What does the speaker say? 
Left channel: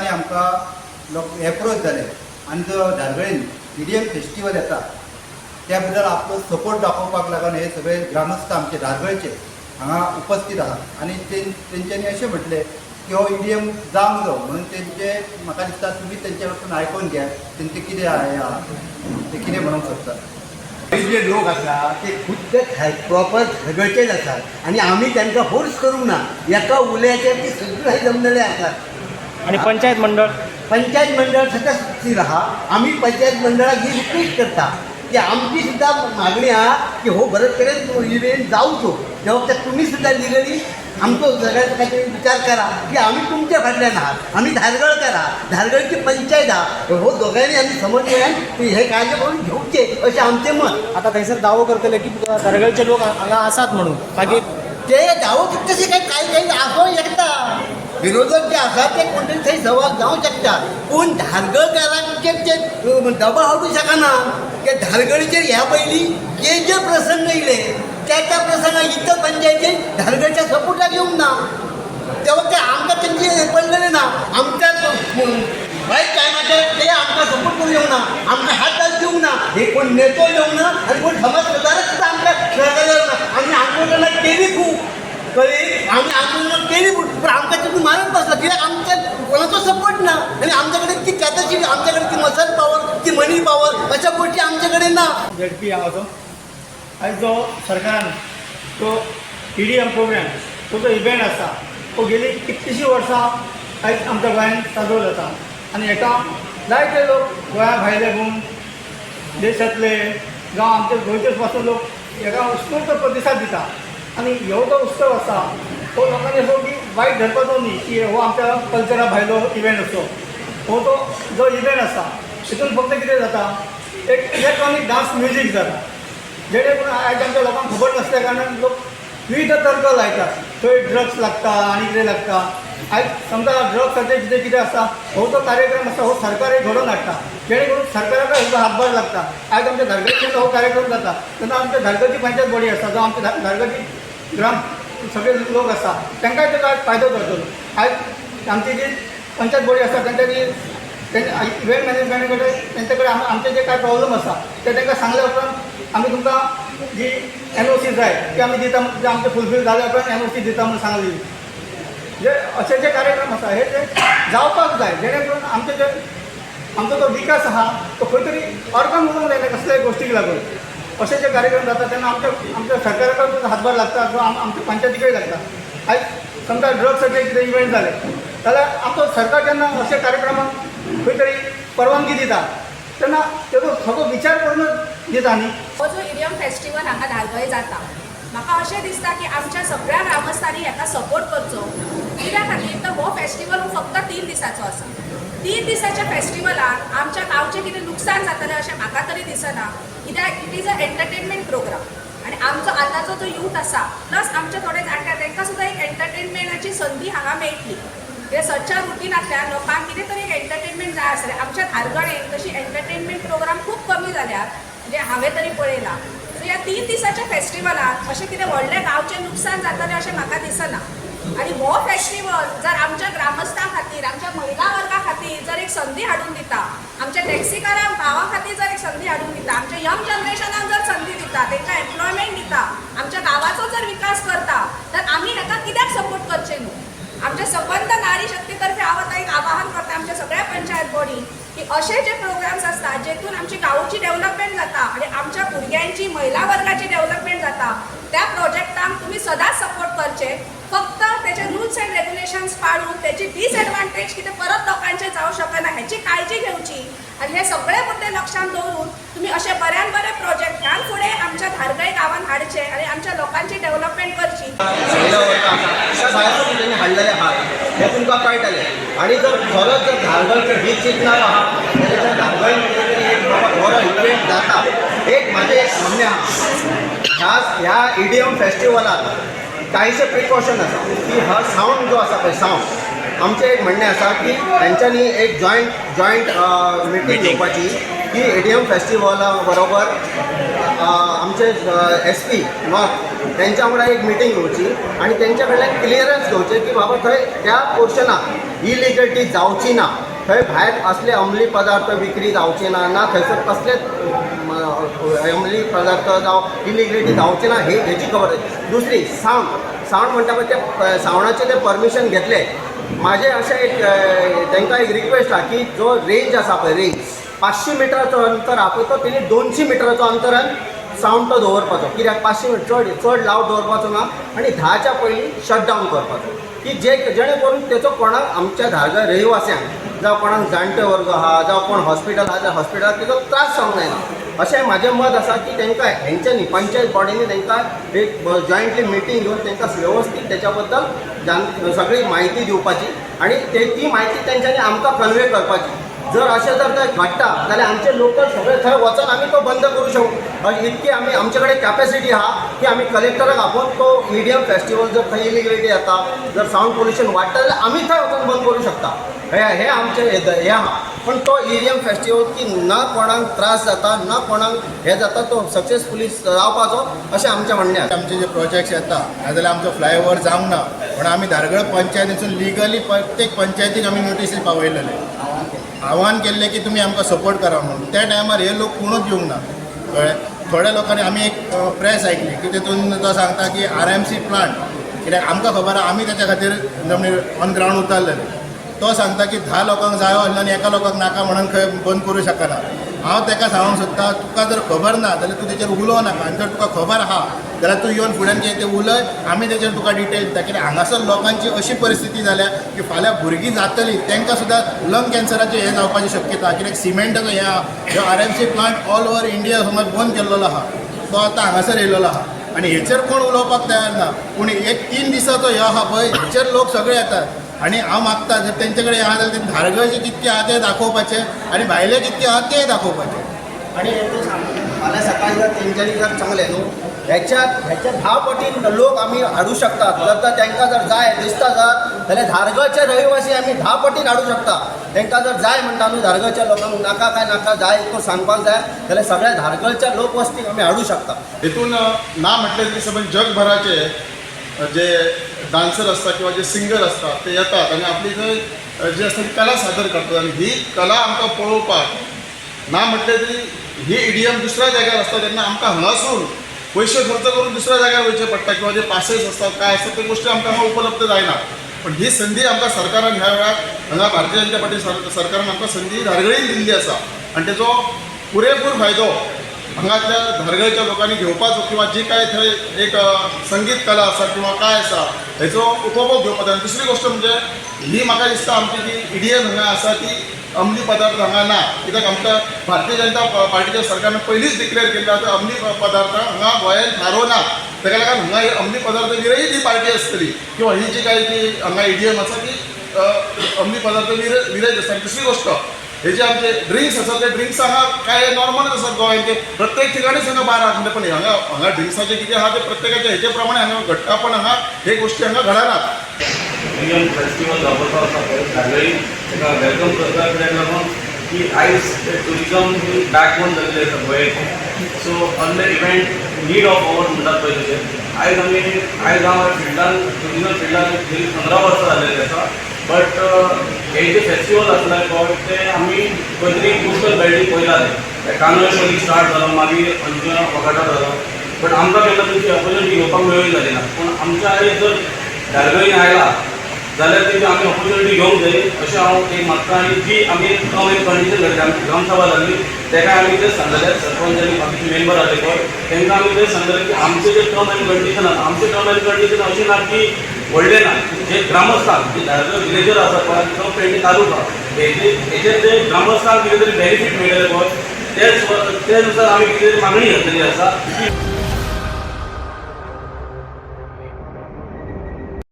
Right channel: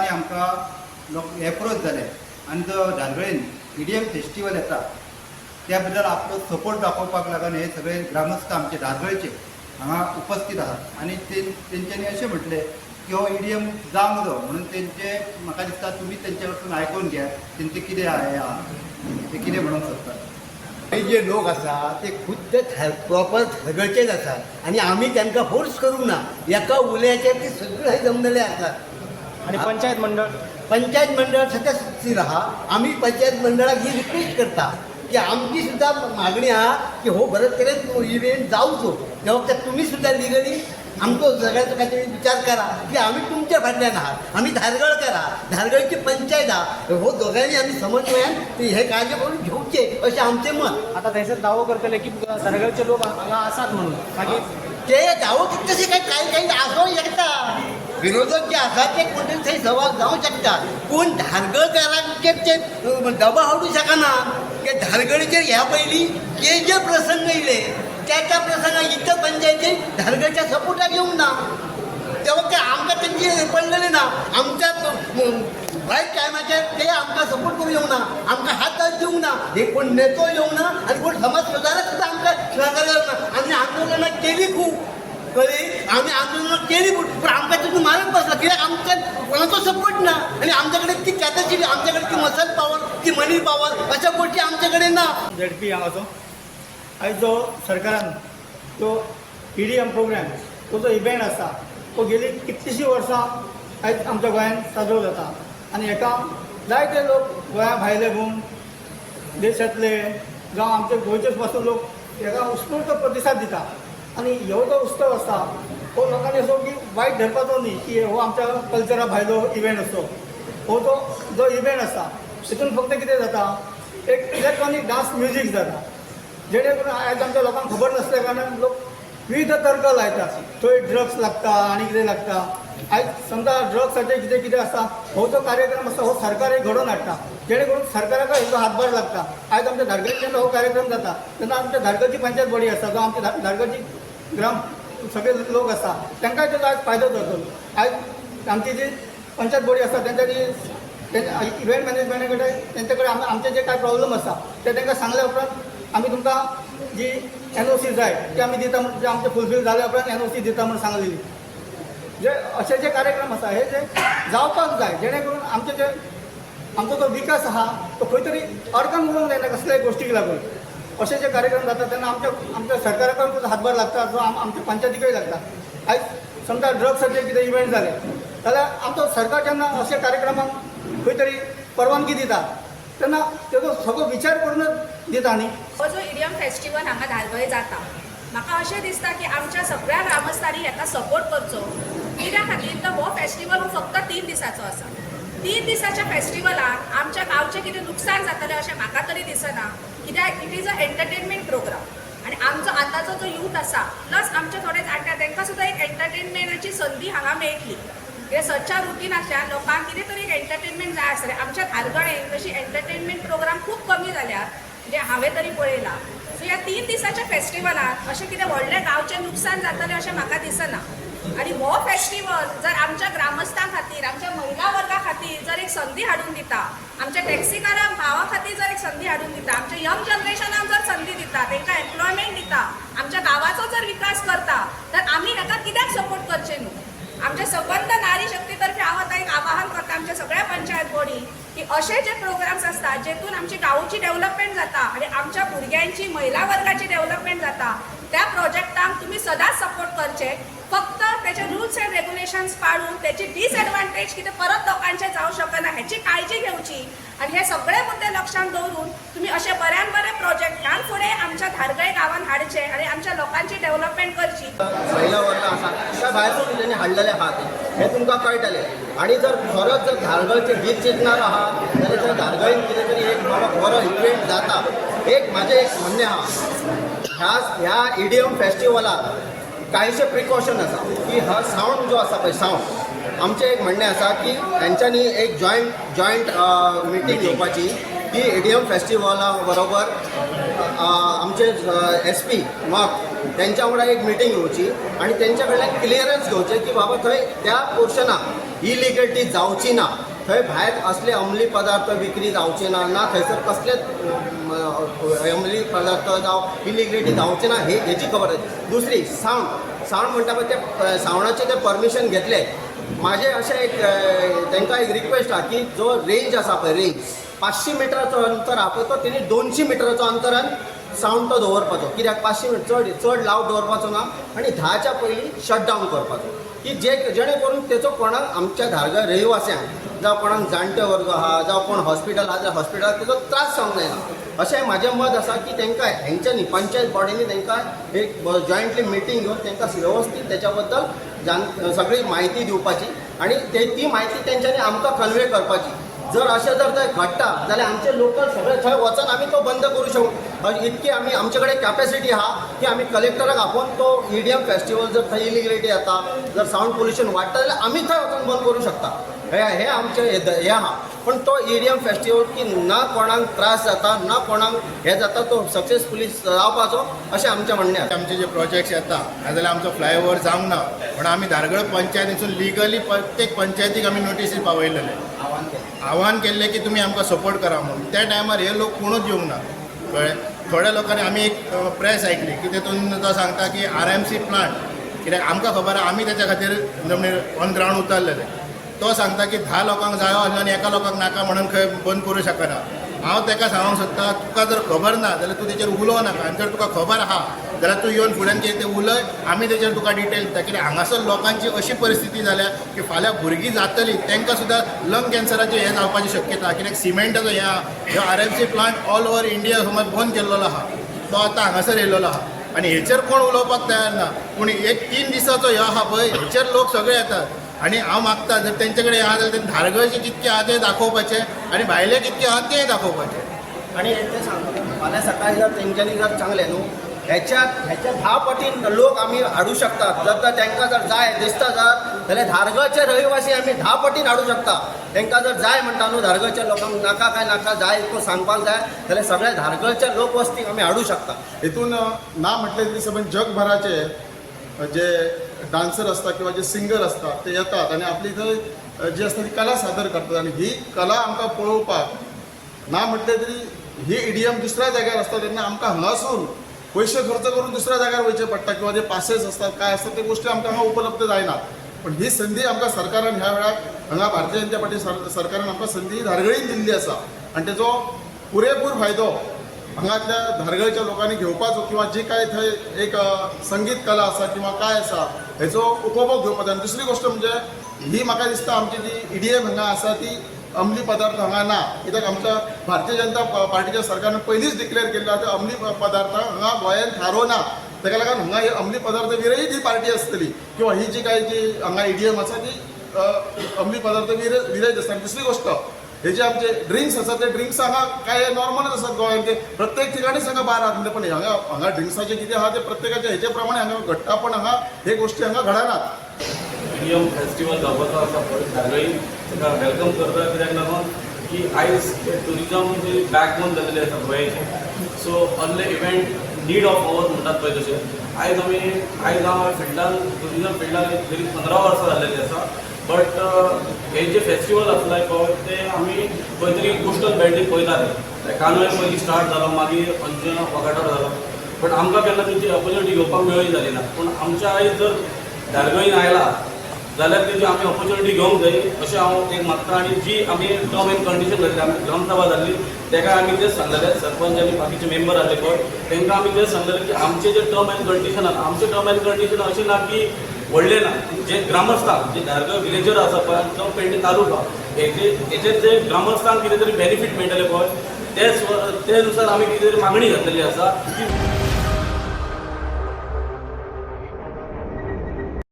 लोकांनी आमकां एप्रोच जाले आनी जो धारगळेन EDM फेस्टिवल येता त्या बद्दल आपलो सपोर्ट दाखोवपाक लागून हे सगळे ग्रामस्थ आमचे धारगळचे हांगा उपस्थित आहात आणि तेंच्यांनी अशें म्हटलें की हो EDM जावंक जाय म्हणून तेंचे म्हाका दिसता तुमी तेंचे वचून आयकून घ्या तेंचे कितें ते कितें म्हणूंक सोदतात. जे लोक असतात ते खुद्द प्रॉपर धारगळचेच असतात आणि आम्ही त्यांना फोर्स करूंक ना. एका उलयाचेर ते सगळे जमलेले असतात. आणि पंचायत मंडळ सध्या स्थिर आहा. आम्ही पंचायत मंडळाक ही रिक्वेस्ट करता की आमची सुद्धा मागणी आहा की हो बरंच करेन इव्हेंट जावचो. जबाबदार तुम्ही सुद्धा लिगली आमचो सगळ्यात काहीतरी विचार करा की आम्ही तुमच्या फाटल्यान आहात. आम्ही धारगळकर आहात, धारगळची पंचायत आहा. हो दोघांनी आम्ही समन्वयान हे कार्य करून घेवचे असे आमचे मत. आता थंयसर दावो करतले की धारगळचे लोक हांगा आसात म्हणून मागीर ते दावो तसे काही आसों शकता. विरोधक जे असतात ते कोणतरी थंय सवाल जावं शकतात पूण धारगळकारांचेर ते दबाव हाडूं शकना. ते धारगळचेर ह्या पयलीं जे प्रसंग येयले त्या प्रसंगात इतर पंचायतीन धारगळच्या सपोर्टाक येवंक ना. तेव्हा ते आमकां त्यांनी पडलेले ना. आमच्या रायट टायमाचेर ते आमकां सपोर्ट करूं येवंक ना, आमकां हात दिवंक ना. हे कोण नेतो येवंक ना आनी कोण समाज सुदारक सुद्दां आमकां सहकार्य ना. आमी आंदोलनां केली खूब कळ्ळी. आमी आंदोलनां केली पूण आमकां तितून मारत बसला कित्याक आमकां कोणाचो सपोर्ट ना आनी आमचे कडेन ती कॅपॅसिटी, आमचे कडेन ती मसल पावर, ती मनी पावर अशा गोष्टी आमचे कडेन ना. ZP आहा आयज जो सरकारान तो EDM प्रोग्राम तो जो इव्हेंट आसा तो गेली कितलीशीं वर्सां आयज आमच्या गोंयांत साजरो जाता आनी हेका जायते लोक गोंया भायले भोवन देशांतले जावं आमचे गोंयचेच पासून लोक हेका उत्स्फूर्त प्रतिसाद दिता. आनी ह्यो जो उत्सव आसा तो लोकांनी असो की वायट धरपाचो न्ही की हो आमच्या कल्चरा भायलो इव्हेंट असो. हो तो जो इव्हेंट आसा तितून फक्त कितें जाता एक इलेक्ट्रॉनीक डान्स म्युजीक जाता जेणे करून आयज आमच्या लोकांक खबर नासल्या कारणान लोक विविध तर्क लायतात. थंय ड्रग्स लागता आनी कितें लागता. आयज समजा ड्रग्साचें कितें आसा हो जो कार्यक्रम आसा हो सरकार एक घडोवन हाडटा जेणे करून सरकाराक हेजो हातभार लागता. आयज आमच्या धारगळीचेर हो कार्यक्रम जाता तेन्ना आमच्या धारगळची पंचायत बॉडी आसा जावं आमच्या धारगळची ग्राम सगळे लोक आसा तांकां तेजो आयज फायदो जातलो. आयज आमची जी पंचायत बॉडी आसा तांच्यानी इव्हेंट मॅनेजमेंटा कडेन तेंचे कडेन आमचे जे कांय प्रॉब्लम आसा ते तांकां सांगल्या उपरांत आमी तुमकां जी NOC जाय ती आमी दिता. म्हणजे आमचे फुलफील जाल्या उपरांत NOC दिता म्हूण सांगली. म्हणजे अशे जे कार्यक्रम आसा हे जे जावपाक जाय जेणे करून आमचो जो विकास आहा तो खंय तरी अर्गम उलोवंक जायना कसल्याय गोश्टीक लागून. अशे जे कार्यक्रम जाता तेन्ना आमच्या सरकाराक हातभार लागता किंवा आमच्या पंचायतीकय लागता. आयज समजा ड्रग्साचे कितें इव्हेंट जाले जाल्यार आमचो सरकार जेन्ना अशे कार्यक्रमाक खंय तरी परवानगी दिता तेन्ना तेजो सगळो विचार करूनच दिता न्ही. हो जो EDM फेस्टिवल हांगा धारगळे जाता म्हाका अशें दिसता की आमच्या सगळ्या ग्रामस्थांनी हेका सपोर्ट करचो. कित्या खातीर तर हो फेस्टिवल फक्त 3 दिसांचो आसा. 3 दिसाच्या फेस्टिवलाक आमच्या गांवचें कितें लुकसाण जातलें अशें म्हाका तरी दिसना. कित्याक it is a entertainment programme आनी आमचो आतांचो जो यूथ आसा प्लस आमचे थोडे जाणटे तांकां सुद्दां एक एंटरटेनमेंटाची संदी हांगा मेळटली. जे सदच्या रुटीनांतल्यान लोकांक कितें तरी एक एंटरटेनमेंट जाय आसलें. आमच्या धारगळेक तशी एंटरटेनमेंट प्रोग्राम खूब कमी जाल्यात म्हणजे हांवें तरी पळयलां. सो ह्या 3 दिसाच्या फेस्टिवलाक अशें कितें व्हडलें गांवचें लुकसाण जातलें अशें म्हाका दिसना. आनी हो फेस्टिवल जर आमच्या ग्रामस्थां खातीर, आमच्या महिला वर्गा खातीर जर एक संदी हाडून दिता, आमच्या टॅक्सीकारां भावां खातीर जर एक संदी हाडून दिता, आमच्या यंग जनरेशनाक जर संदी दिता, तांकां एम्प्लॉयमेंट दिता, आमच्या गांवाचो जर विकास करता तर आमी हेका कित्याक सपोर्ट करचें न्हू. आमच्या सबंद नारी शक्तीतर्फे हांव आतां एक आवाहन करता आमच्या सगळ्या पंचायत बॉडी की असे जे प्रोग्राम्स असतात जेतून आमची गांवची डेव्हलपमेंट जाता आणि आमच्या भुरग्यांची, महिला वर्गाची डेव्हलपमेंट जाता त्या प्रोजेक्टांक तुम्ही सदांच सपोर्ट करचे. फक्त त्याचे रूल्स अँड रेग्युलेशन्स पाळून त्याची डिसएडवांटेज कितें परत लोकांचे जावं शकना हेची काळजी घेवची. आणि हे सगळे मुद्दे लक्षात दवरून तुम्ही असे बऱ्यान बरे प्रोजेक्ट ह्या फुडें आमच्या धारगळे गांवांत हाडचे आणि आमच्या लोकांची डेव्हलपमेंट करची. हाडलेले आहात हे तुमकां कळटलें. आनी जर खरोच जर धारगळचो हीत चिंतनाक आहा धारगळ बरो इव्हेंट जाता. एक म्हाजें एक म्हणणें आहा ह्या EDM फेस्टिवलाक कांयशे प्रिकॉशन आसा की हा सावंड जो आसा पळय सावंड आमचें एक म्हणणें आसा की तेंच्यांनी एक जॉयंट मिटींग घेवपाची की EDM फेस्टिवला बरोबर आमचे SP नॉर्थ त्यांच्या वांगडा एक मिटींग घेवची आनी तेंच्या कडल्यान क्लियरन्स घेवचें की बाबा थंय त्या पोर्शनाक इलिगलिटी जावची ना, थंय भायर असले अंमली पदार्थ विक्री जावचे ना थंयसर कसलेच अंमली पदार्थ जावं इलिगलिटी जावचे ना हेची खबर. दुसरी सावंड म्हणटा पळय ते सावंडाचें ते परमिशन घेतले. माझे अशें एक तांकां एक रिक्वेस्ट आहा की जो रेंज आसा पळय रेंज 500 मिटराचो अंतर आहा पळय तो तेणी 200 मिटराचो अंतरान सावंड तो दवरपाचो. कित्याक 500 मिटर चड लावड दवरपाचो ना आनी 10च्या पयलीं शटडावन करपाचो की जेणे करून तेचो कोणाक आमच्या धारगळ रहिवास्यांक जावं कोणाक जाणटे वर्ग आहा जावं कोण हॉस्पिटल आहा जाल्यार हॉस्पिटलाक तेजो त्रास जावंक जायना. अशें म्हाजें मत आसा की तांकां हेंच्यांनी पंचायत बॉडीनी तांकां एक जॉयंटली मिटींग घेवन तांकां वेवस्थीत तेच्या बद्दल सगळी म्हायती दिवपाची आनी ती म्हायती तेंच्यांनी आमकां कन्वे करपाची. जर अशें जर थंय घडटा जाल्यार आमचे लोकल सगळे थंय वचून आमी तो बंद करूं शकू. इतकी आमचे कडेन कॅपॅसिटी आहा की आमी कलेक्टराक आपोवन तो EDM फेस्टिवल जर थंय इलिगलिटी जाता, जर सावंड पोल्युशन वाडटा जाल्यार आमी थंय वचून बंद करूं शकता. हे आमचें हें आहा. पण तो EDM फेस्टिवल की ना कोणाक त्रास जाता ना कोणाक हें जाता तो सक्सेसफुली जावपाचो अशें आमचें म्हणणें आसा. आमचे जे प्रोजेक्ट्स येता नाजाल्यार आमचो फ्लायओव्हर जावंक ना पण आमी धारगळ पंचायतीसून लिगली प्रत्येक पंचायतीक आमी नोटीसी पावयलेले, आव्हान केल्लें की तुमी आमकां सपोर्ट करा म्हणून. त्या टायमार हे लोक कोणूच येवंक ना. कळ्ळें. थोड्या लोकांनी आमी एक प्रेस आयकली की तितून तो सांगता की RMC प्लांट, कित्याक आमकां खबर आहा आमी तेच्या खातीर ऑन ग्रावंड उतरलेले. तो सांगता की 10 लोकांक जायो आसलो आनी एका लोकांक नाका म्हणून खंय बंद करूं शकना. हांव ताका सांगूंक सोदता तुका जर खबर ना जाल्यार तूं तेचेर उलोव नाका आनी जर तुका खबर आहा जाल्यार तूं येवन फुड्यान कितें तें उलय, आमी तेचेर तुका डिटेल दिता. कित्याक हांगासर लोकांची अशी परिस्थिती जाल्या की फाल्यां भुरगीं जातलीं तांकां सुद्दां लंग कॅन्सराचें हें जावपाची शक्यता. कित्याक सिमेंटाचो हें आहा जो RMC plant all over India समज बंद केल्लो आहा तो आतां हांगासर येयल्लो आहा आनी हेचेर कोण उलोवपाक तयार ना. पूण एक 3 दिसाचो हे आहा पळय हेचेर लोक सगळे येतात. आनी हांव मागता जर तेंचे कडेन आहा जाल्यार ते धारगळचे कितके आहा ते दाखोवपाचें आनी भायले कितके आहा तेय दाखोवपाचें. आनी फाल्यां सकाळी जर तेंच्यांनी जर चांगलें न्हू हेच्या 10 पटीन लोक आमी हाडूं शकतात. जर तर तांकां जर जाय दिसता जाल्यार धारगळचे रहिवासी आमी 10 पटीन हाडूं शकता. तांकां जर जाय म्हणटा न्हू धारगळच्या लोकांक नाका काय नाका जाय तो सांगपाक जाय जाल्यार सगळ्या धारगळच्या लोकवस्तीक आमी हाडूं शकता. हितून ना म्हटलें की समज जगभराचे जे डान्सर असतात किंवा जे सिंगर असतात ते येतात आणि आपली थंय जी आसता ती कला सादर करतात आणि ही कला आमकां पळोवपाक ना म्हटलें तरी ही EDM दुसऱ्या जाग्यार आसता तेन्ना आमकां हांगासून पयशे खर्च करून दुसऱ्या जाग्यार वयचे पडटा किंवा जे पासेस असतात काय असतात ते गोष्टी आमकां हांगा उपलब्ध जायना. पण ही संदी आमकां सरकारान ह्या वेळार हांगा भारतीय जनता पार्टी सरकारान आमकां संदी धारगळीन दिल्ली आसा आनी तेचो पुरेपूर फायदो हांगातल्या धारगळच्या लोकांनी घेवपाचो किंवा जी काय थंय एक संगीत कला आसा किंवा काय आसा हेचो उपभोग घेवपाचो. आनी दुसरी गोष्ट म्हणजे ही म्हाका दिसता आमची जी EDM हांगा आसा ती अंमली पदार्थ हांगा ना. कित्याक आमकां भारतीय जनता पार्टीच्या सरकारान पयलींच डिक्लेअर केल्लें आसा अंमली पदार्थ हांगा गोंयांत थारो ना. ताका लागून हांगा ही अंमली पदार्थ विरयत ही पार्टी आसतली किंवा ही जी काय ती हांगा EDM आसा ती अंमली पदार्थ विरयत आसता. दुसरी गोष्ट हे जे आमचे ड्रिंक्स आसात ते ड्रिंक्स हांगा काय नॉर्मलच आसात गोंयांचे प्रत्येक ठिकाणीच हांगा बार आहा. पण हांगा ड्रिंक्साचें कितें आहा ते प्रत्येकाच्या हेचे प्रमाणे हांगा घडटा पण हांगा हे गोष्टी हांगा घडनात. EDM फेस्टिवल जावपाचो आसा पळय धारगळी ताका वेलकम करता कित्याक लागून की आयज ट्युरिजम ही बॅकबोन जाल्ली आसा गोंयची. So on the event need of our म्हणटात पळय तशें आयज हांव फिल्डान ट्युरिजम फिल्डान 15 वर्सां जाल्लेली आसा. बट हे जे फेस्टिवल आसले पळय ते आमी खंय तरी कोस्टल बेल्टीक पळयताले. कांदोळे पयलीं स्टार्ट जालो मागीर अंजुना फकाटा जालो. बट आमकां केन्ना तुमची ऑपॉर्च्युनिटी घेवपाक मेळ्ळी जाली ना. पूण आमच्या आयज जर धारगळीन आयला जाल्यार तेजी आमी ऑपॉर्च्युनिटी घेवंक जाय अशें हांव एक मागता. आनी जी आमी टर्म एंड कंडिशन घडली आमची ग्रामसभा जाल्ली तेका आमी तें सांगलें सरपंच आनी बाकीचे मेंबर आसले पळय तांकां आमी तें सांगलें की आमचे जे टर्म एंड कंडिशन आसा आमचे टर्म एंड कंडिशन अशी ना की व्हडले ना. जे ग्रामस्थान जे धारगळ विलेजर आसा पळय तो पेंटी तालुका हेजे जे ग्रामस्थान कितें तरी बेनिफीट मेळटले पळय ते नुसार आमी कितें मागणी घातलेली आसा.